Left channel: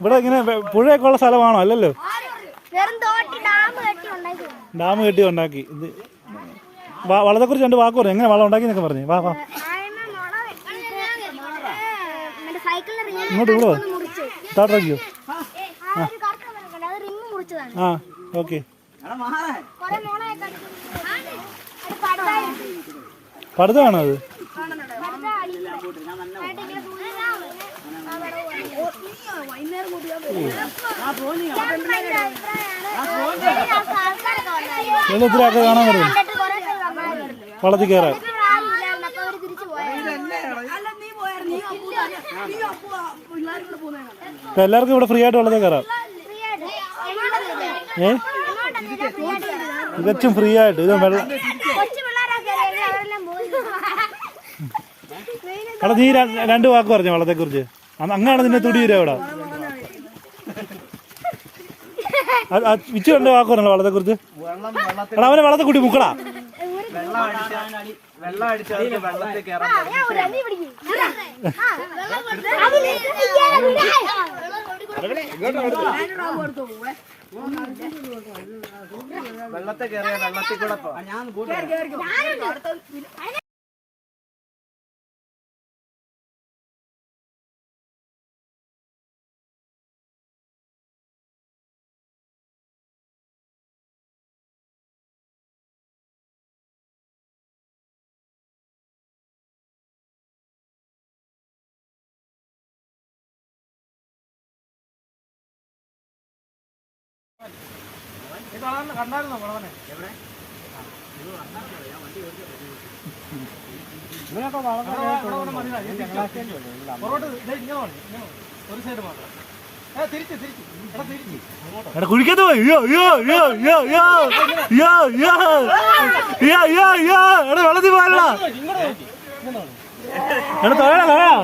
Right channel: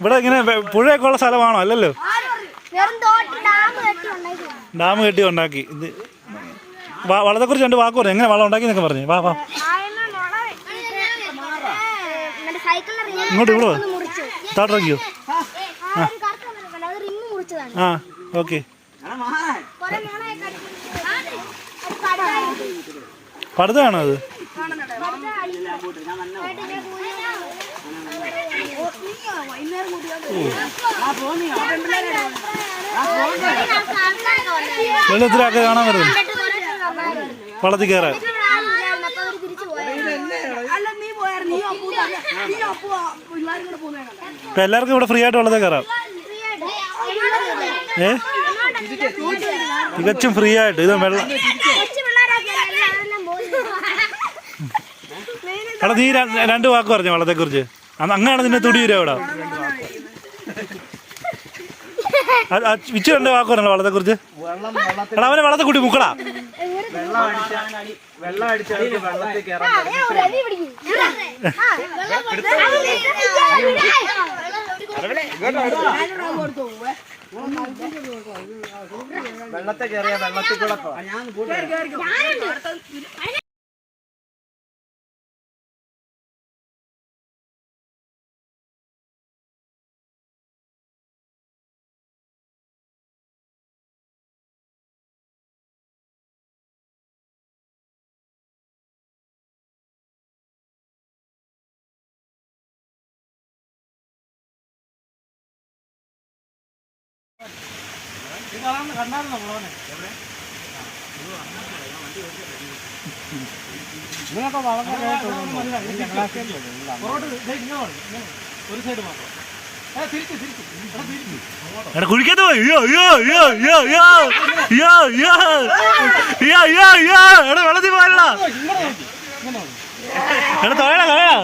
ഇവിടെ ഇങ്ങനെ പുഴയൊക്കെ ഉള്ള സ്ഥലമാണോ? അല്ലല്ലോ. ഡാം കെട്ടി ഉണ്ടാക്കി. ഇത് വളത്തെക്കുറിച്ച് രണ്ട് വാക്ക് പറഞ്ഞു എങ്ങനെ വളം ഉണ്ടാക്കി എന്നൊക്കെ പറഞ്ഞു. വാ വാ. ഇങ്ങോട്ട് ഇവിടെ താട്ടിറക്കിയോ ആ ഓക്കെ. പടുതാണോ വെള്ളത്തിലൊക്കെ കാണാൻ വരുന്നു. വള്ളത്തിൽ കയറാൻ. ഇപ്പൊ എല്ലാവർക്കും ഇവിടെ ഫ്രീ ആയിട്ട് വെള്ളത്തിൽ കയറാം. ഏ? തികച്ചും ഫ്രീ ആയിട്ട് ഇത് വെള്ളം എടാ നീ രണ്ട് വാക്ക് പറഞ്ഞു വള്ളത്തെ കുറിച്ച് അങ്ങാണ് നിന്നെ തുടി വരിക ഇവിടെ വിച്ചു രണ്ട് വാക്ക് പറഞ്ഞല്ലോ വള്ളത്തെ കുറിച്ച് എടാ അവനെ വള്ളത്തെ കുട്ടി മുക്കടാ വെള്ളത്തെ കേറിയ വെള്ളത്തിൽ കൂടെ വെള്ളത്തിൽ കയറിയ വെള്ളത്തിൽ കൂടെ പോവാം എടാ കുഴിക്കത്ത് പോയി. അയ്യോ അയ്യോ അയ്യോ അയ്യോ അയ്യോ അയ്യോ അയ്യോ അയ്യോ അയ്യോ അയ്യോ എടാ വെള്ളത്തിൽ പോയല്ല എടാ തൊഴടാ തൊഴടാ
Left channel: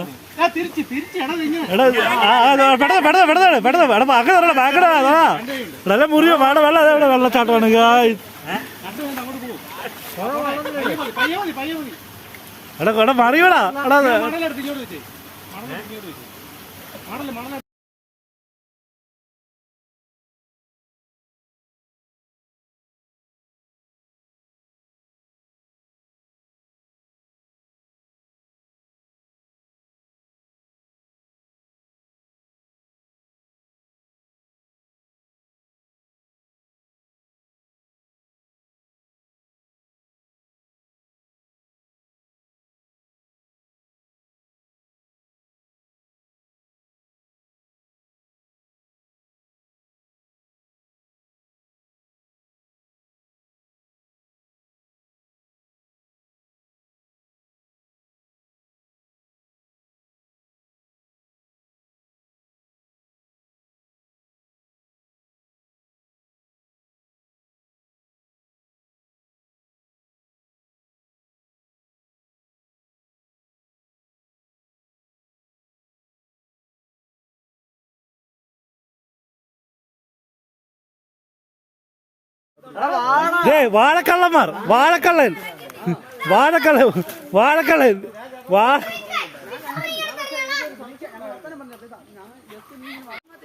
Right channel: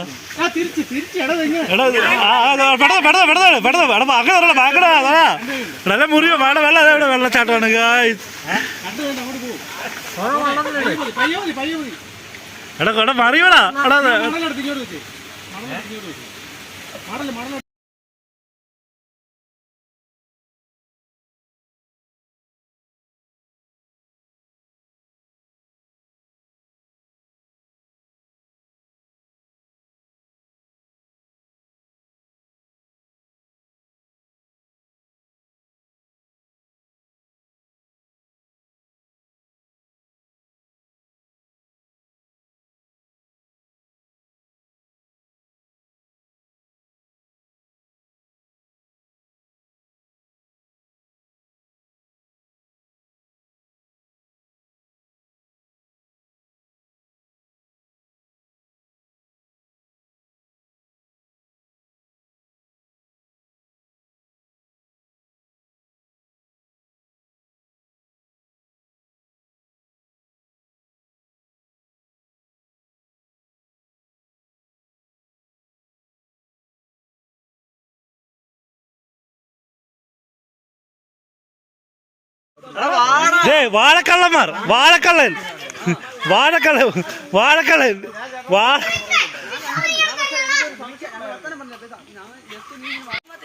നല്ല മുറിയോ വേണ്ട വെള്ളം അതെ ഇവിടെ വെള്ളച്ചാട്ടമാണ് എടാ എടാ മറിയോടാ വാഴക്കള്ളന്മാർ വാഴക്കള്ളൻ. വാഴക്കള്ളൻ വാഴക്കള്ളൻ. വാടി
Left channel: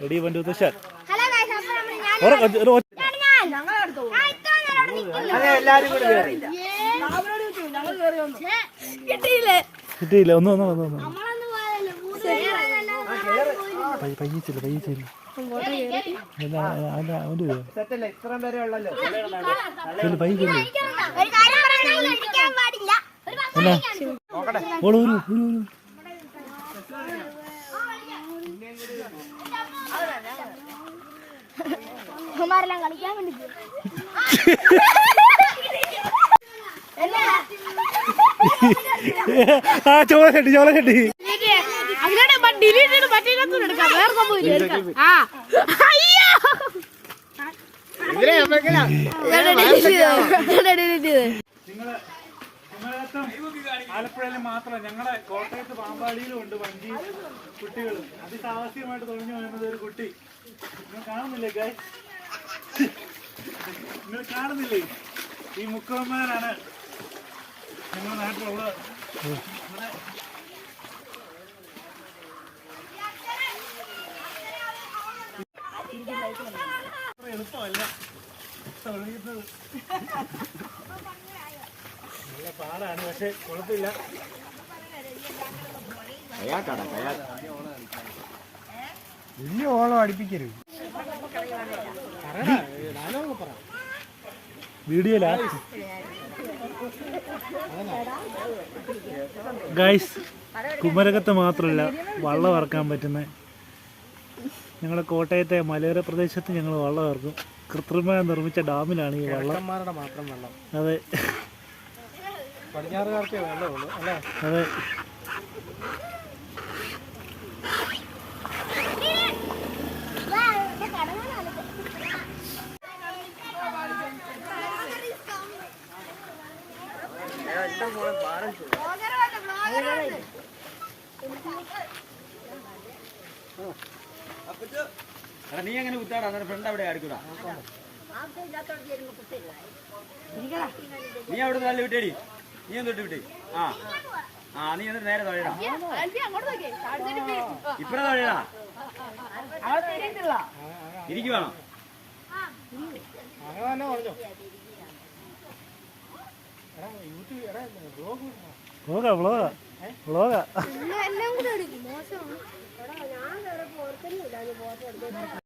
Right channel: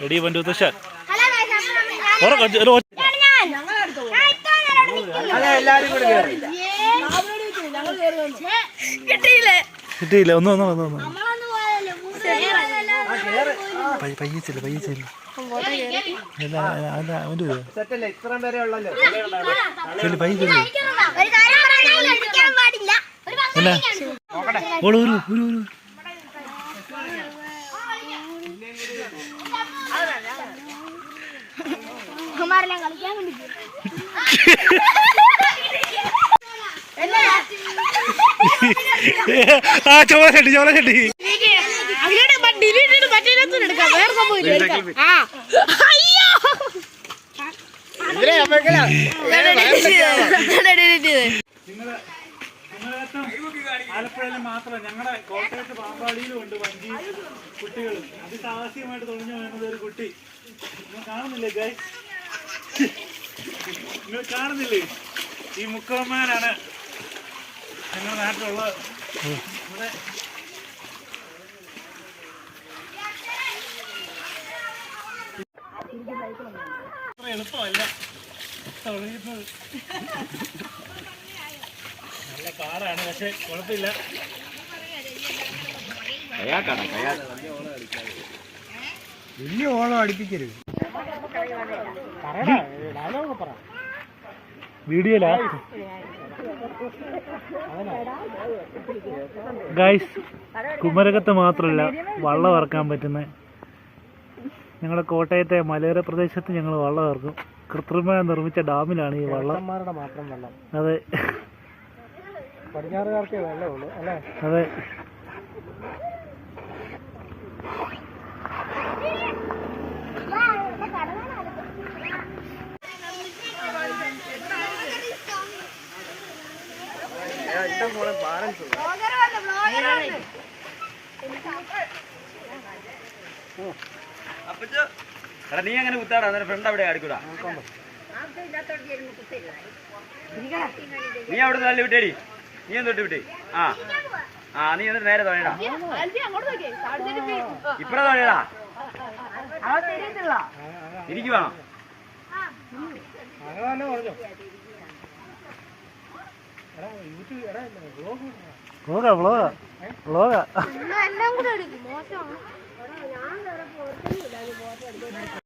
എടി വണ്ടു തുഷാർ കിട്ടിയില്ല. ഒന്ന് വന്നോ വന്നോ വന്നോ. പയ്യ ചെല്ലു പയ്യ ഒരു കളിക്കാൻ ആ ചോള ചെട്ടി ചോള ചെട്ടി ആലപ്പുഴയിൽ മാത്രം ഞങ്ങളുടെ കോട്ടയത്ത് പാമ്പാടിയിലും ഉണ്ട് വഞ്ചി കുട്ടികൾ അതിസാഹസികമായിട്ട് തുടങ്ങി വരുന്നത് ഒരു കുട്ടി. നിങ്ങൾ കാണുന്നില്ലേ ഗൈ നിങ്ങൾ കാണുന്നില്ലേ? ഈ മുക്കമ്മാനാണ് ഞങ്ങളുടെ നാട്ടിലുള്ള എളുപ്പമല്ല തൊഴിയുന്നത് നല്ല പാടാണ് പക്ഷെ കുഴപ്പമില്ല. വലിയ ഓളം അടിപ്പിക്കരുത്. ഡയലോഗ് പറ വീഡിയോയിലാ? ഗൈസ് കുമരകത്ത് മാത്രമല്ല വള്ളം ഇറക്കാൻ പറ്റുന്ന ഞങ്ങളുടെ കോട്ടയത്തെ മലയോര പ്രദേശത്ത് ഞങ്ങൾ വള്ളം ഇറക്കും. കൃത്രിമമായി നിർമ്മിച്ച ഡാമിലാണ് ഈ വള്ളം. മാത്രം വെള്ളം. അതെ. പടിഞ്ഞാറുകാർക്കേ വെള്ളമുള്ളൂ അല്ലേ? അതെ. എടാ നീ അങ്ങനെ കുത്താടാ നിന്റെ ഫ്രണ്ട് അവിടെ ആടിക്കൂടാ നീ അവിടെ നല്ല വിട്ടേടി. നീ എന്തൊട്ട് വിട്ടേ. ആ. ആ നീ എന്നിട്ട് നേരെ തൊഴയടാ. ഇപ്പഴാ തൊഴയടാ. ഇരിക്കുവാണോ വ്ളോഗ വ്ളോഗ വ്ളോഗ എല്ലാം കൂടെ എടുക്കും മോശമാണ്